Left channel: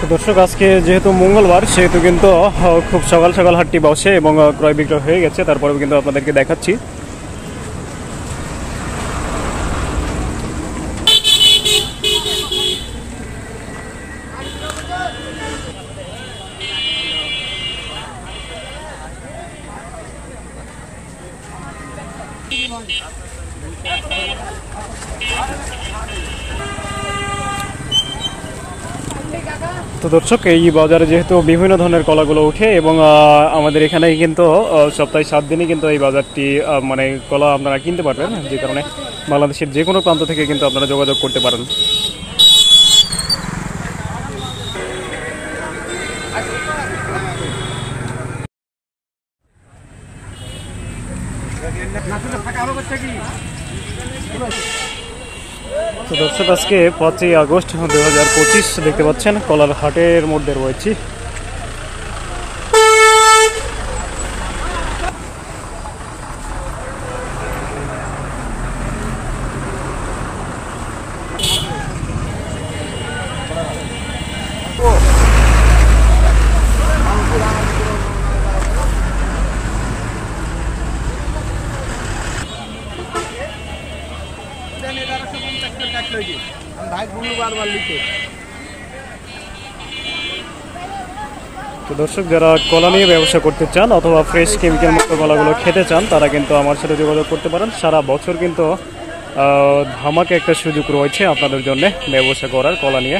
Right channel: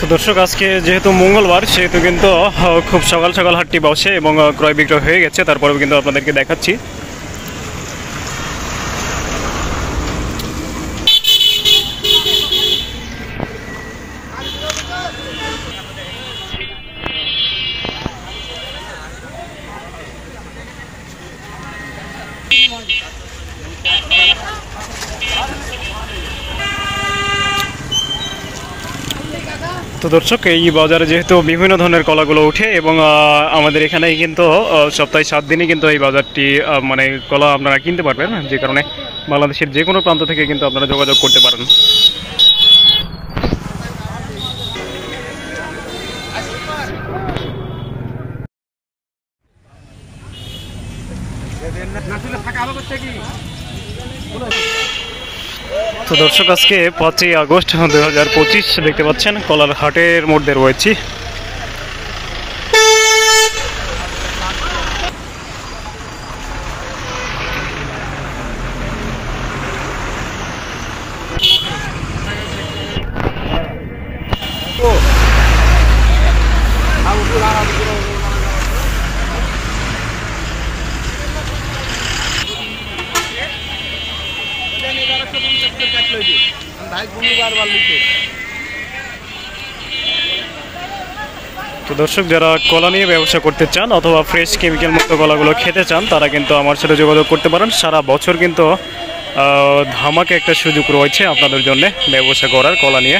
তো দর্শক, আজকে যেহেতু মঙ্গলবার সেহেতু কিন্তু খুব সকাল সকাল হাটটি বসে এবং ক্রয় বিক্রয় হয়ে গেছে। তারপরেও কিন্তু আপনাদেরকে দেখাচ্ছি। তো দর্শক, এই বাজারে যেহেতু বিভিন্ন ধরনের কলাগুলো উঠে এবং আমাদের এখানে কিন্তু সপ্তাহে 7 দিনই কিন্তু এই বাজারটি মানে কলা আপনারা কিনতে পারবেন, যে কারণে বাংলাদেশের যে কোনো প্রান্ত থেকে কিন্তু আপনারা যোগাযোগ করতে পারেন। তো দর্শক, আজকে 5ই আগস্ট 2025 দেখতে পাচ্ছেন কলার হাটের মধ্যে রয়েছি। তো দর্শক, যারা কলা নিয়ে ব্যবসা করতে চান অথবা ফ্রেশ কেমিক্যাল মুক্ত কলাগুলো খেতে চান তারা কিন্তু আমার সাথে যোগাযোগ করতে পারেন। সারা বছর কিন্তু ধামাকে একটা সুযোগ রয়েছে আপনাদের জন্য ব্যবসা করার কলা নিয়ে।